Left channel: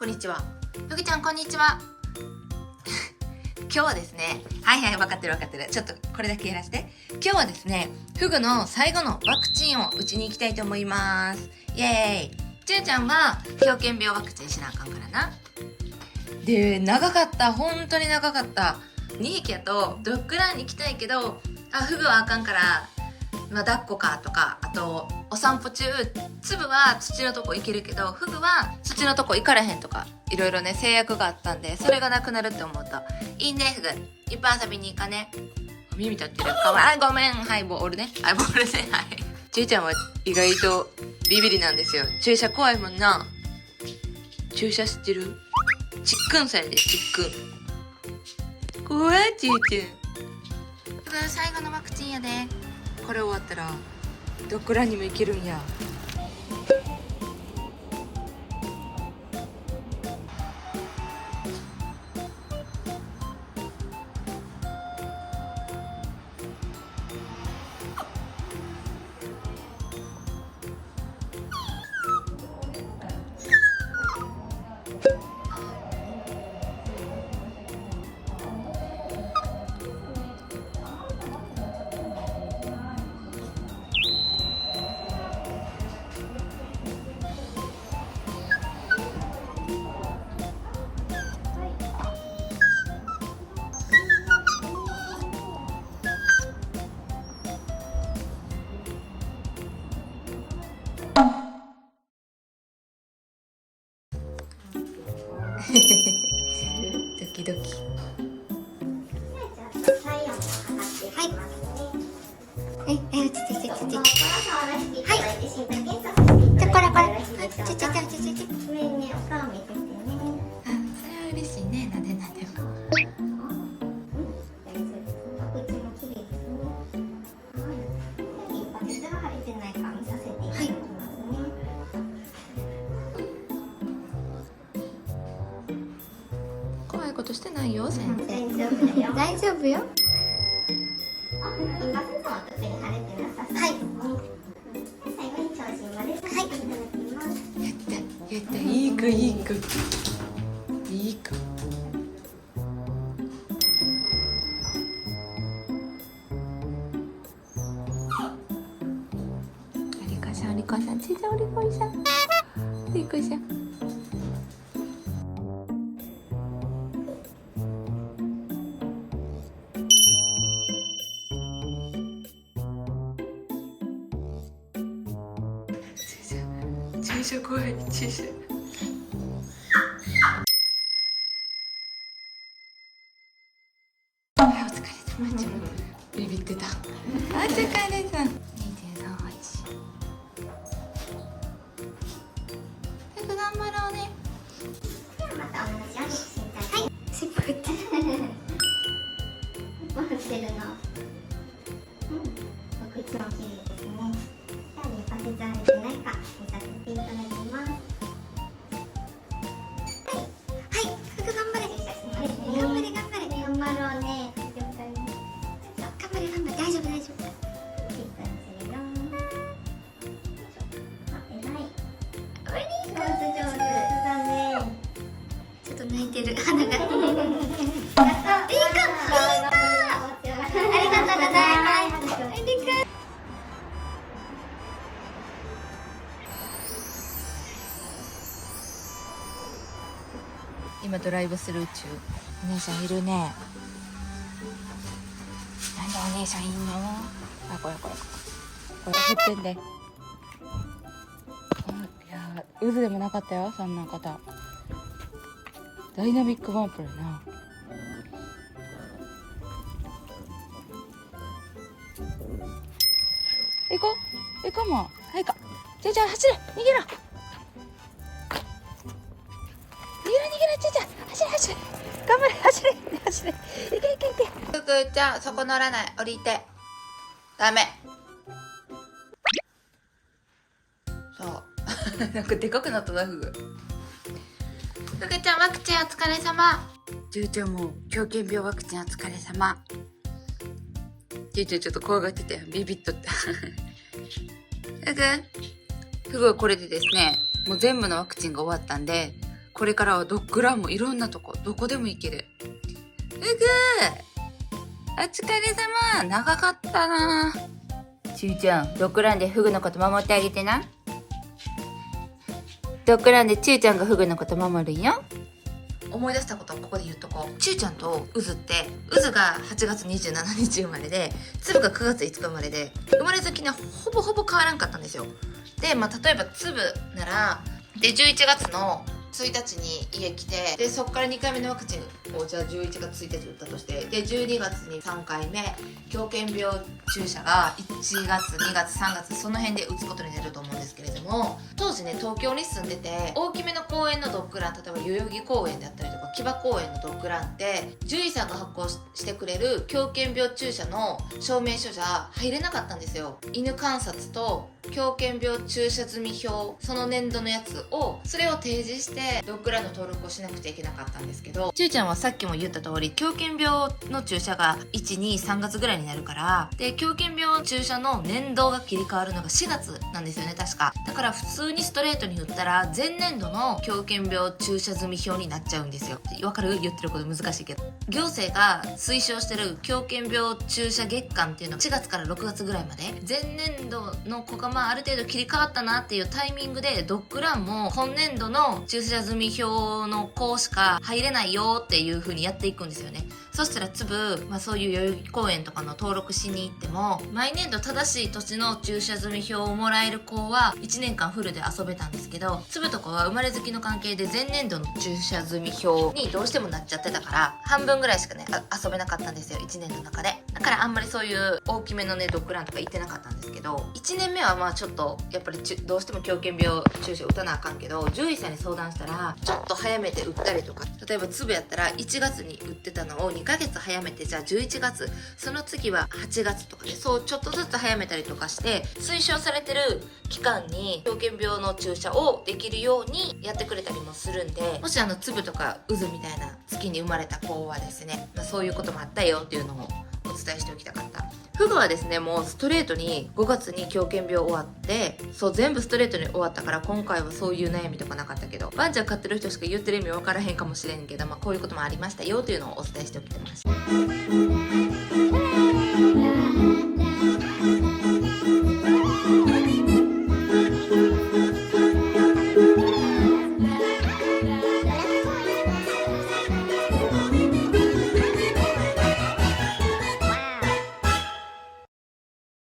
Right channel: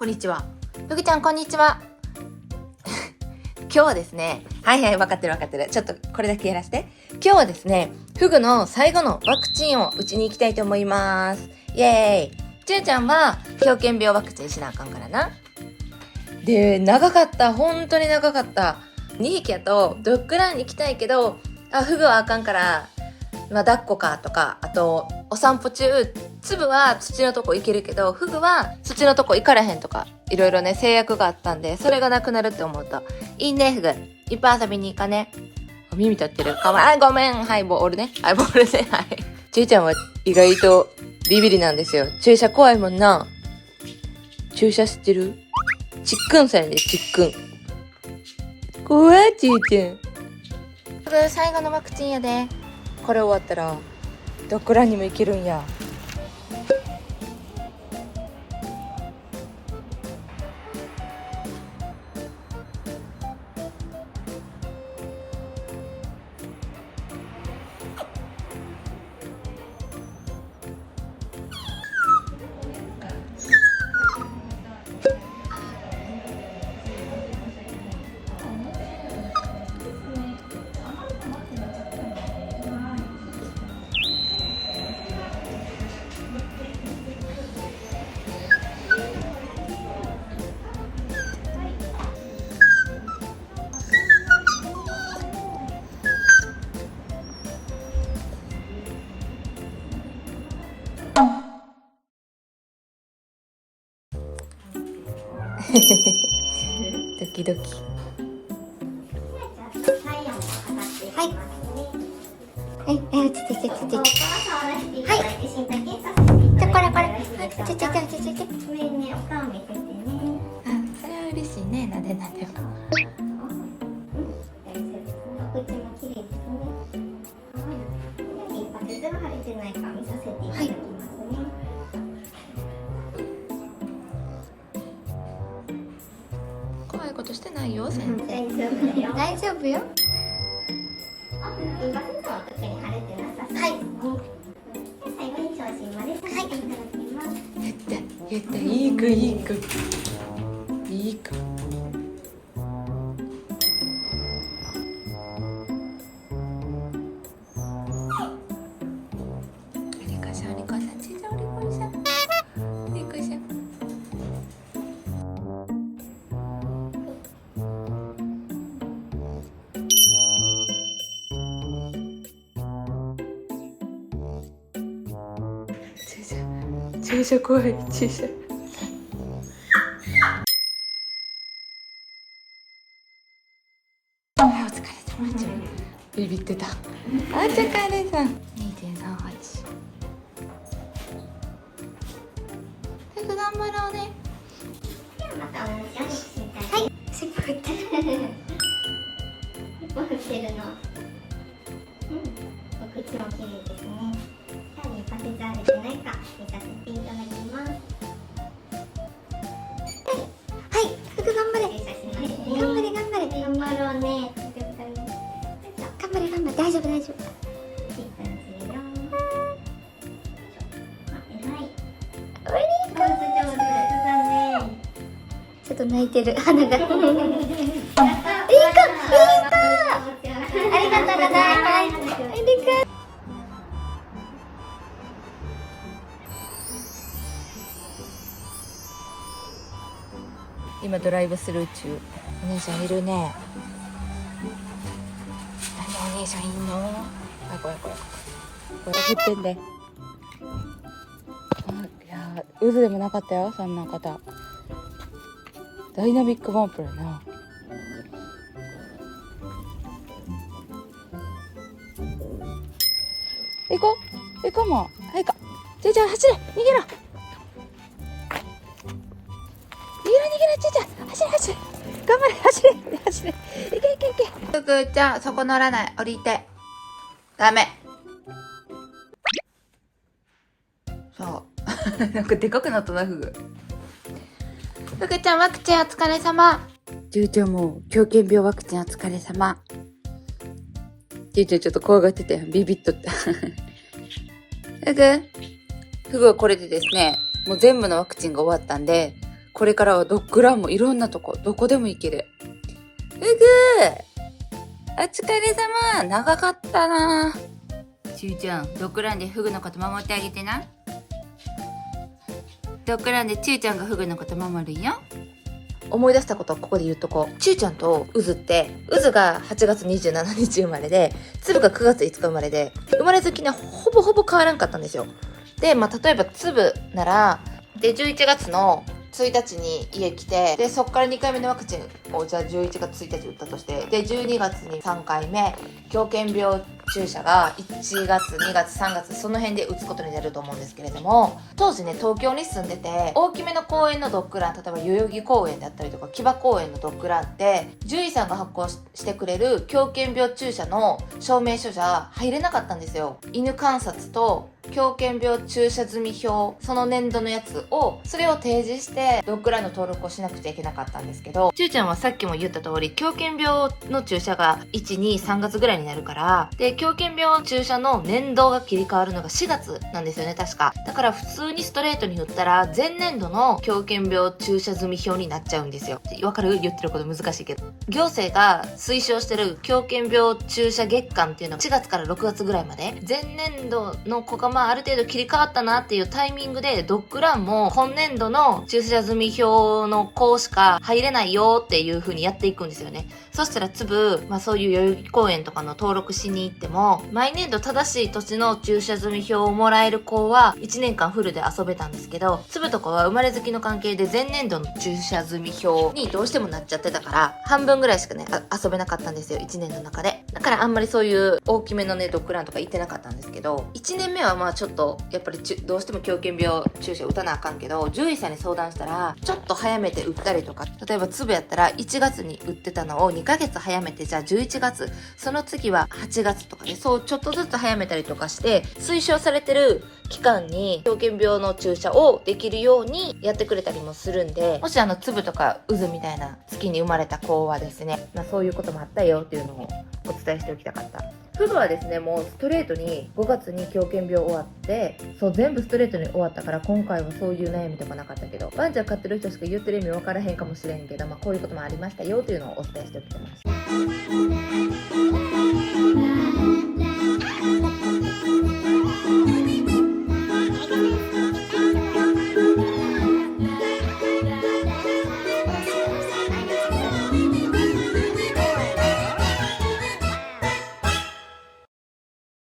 こんにちは。ふぐちゃん、こんにちは。今日はですね、はい、分かってる。ちょっとこれだけやらせて。今日はですね、ふぐの最後のワクチンを打ちに行きたいと思います。イエーイ。ちゅうちゃんは狂犬病ワクチンしなあかんからな。で、長かった。本当に長かった。2匹やとドッグランに行きたいけど、ふぐはあかんから、抱っこかとか、あと、お散歩中、粒は土のとこ行けるけど、フグは土のとこ行かれへんとか、いろいろね、制約があったんで、それがなくなるって思うと、いいね、フグ。いっぱい遊びに行かね。耳立ってる。かわいい。ごめん。はい、ボールね。はい、ボールね。はい。ちいちゃんは意外とビビりなんですよ。注射怖いもんな。注射知ってる？ちっくんさんやで、ちっくん。怖い、ちいちゃん。フグ、最後のワクチンやで。これ終わったらドッグランにも行けるんや。ドキドキ。はい。落ちて。はい。じゃこれ。ちょ。それは嬉しいね。なで。はい。怖いことしてないよ、先生。大丈夫よ。はい。やった。いい子。お利口さん。ちいちゃんお利口さん。注射怖い。注射。お疲れ様です。ビビってた。お疲れさん。2.38。早く頑張ろうね。はい。尻尾振ってる。尻尾振ってるの。お口も綺麗ですね。パセツあれてないか見させていただきます。はい、ふぐ頑張れ。頑張ろうね。頑張れ。大丈夫。ちょっと泣いてる鼻が。いい子。ありがとうございます。今ドライブスルー中。お姉さんいるね。なんでお姉さんいるの？これ振ってんで。いや渦でもなかったよ、そんな方。ダイナミックバンプやな。行こうもう。はいか。ちいちゃん走れ。逃げろ。ちいちゃん走れ。頑張れ。走れ。いけ。ふぐちゃん、そこ乗らない。降りて。ダメ。そうなんかでかくなったな、ふぐちゃん、ワクチンお疲れ様。ちゅうちゃんも狂犬病ワクチンお疲れ様。ちゅうちゃんちょっと怖がっててビビっとったふぐはこれでですね、もう全部のワクチンが終わったんで、これからはドッグランもいろんなとこ、どこでも行ける。ふぐお疲れ様。長かったな。ちゅうちゃん、ドッグランでフグのこと守ってあげてな。ドッグランでちゅうちゃんがフグのこと守るんよ。思い出したことをここで言っとこう。ちゅうちゃんとうずって、うずが8月27日生まれで、つぶが9月5日生まれで、生まれ月ね、ほぼほぼ変わらんかったんですよ。で、例えばつぶなら、で、11月の1日に家来て、で、そっから2回目のワクチンを、じゃあ11月1日打ったとして、で、12月に3回目、狂犬病注射が1月、2月、3月、その辺で打つことになると思うんですけれども、当時ね、東京に住んでて、大きめの公園のドッグラン、例えば代々木公園だったりとか、木場公園のドッグランって、獣医さんが発行してくれる狂犬病注射の証明書じゃ入れなかったんですよ。犬観察と狂犬病注射済み表、その年度のやつを、それを提示してドッグランの登録をしなくちゃいけなかったんですけど、ちゅうちゃんはさっきも言った通り、狂犬病の注射が1、2、3月ぐらいになるから、で、狂犬病注射の年度が切り替わるのが4月なんですよね、確か。だから普通にストレートに振ったら、前年度の狂犬病注射済み表になっちゃうんですよ。わかる？言ってること難しいけど。行政が推奨してる狂犬病注射月間っていうのは4月から6月ぐらいまで、前年度の子がある程度切り替わったなっていうタイミングで、ドッグランも今年度の注射済み表の子しか入れないよっていう風にやっていくんですよね。そしたらそういう代々木公園とかの登録しに行っても、毎年度正しい年の注射済み表をもらえる子は1年間フルで遊べたんですけど、とかは生まれ月の関係で前年度の注射済み表にどうしてもなっちゃってたから、半分ぐらいしかね、遊べなかったんですよ、1年の中で。だからあんまりそういう大きめのね、ドッグランとか行ってなかったんですけど、1年目はちょっと、やっぱりどうしても狂犬病注射打たなあかんけど、獣医さんに相談したら、ちょっと早めて打ったりとか、例えばやったら1月に打ってたのを2ヶ月早めて、じゃあ11月、その次は8月とかで、そうちょっとずつ早めたりとかして、推奨されてる期間に狂犬病の注射をできるようにやってくれたりもするんで、もし粒とか渦みたいな月に生まれた子はですね、そういうこともあったよっていうのをお伝えしておきたかった。フグはですね、もうストレートに5月に狂犬病終わって、そう全部ストレートに終わったから、今回はそういう悩みとかなかったけど、ワンちゃん飼ってる人しか言ってる意味分からへんかもしれんけど、こういうこともありましたよというのをお伝えしておきました。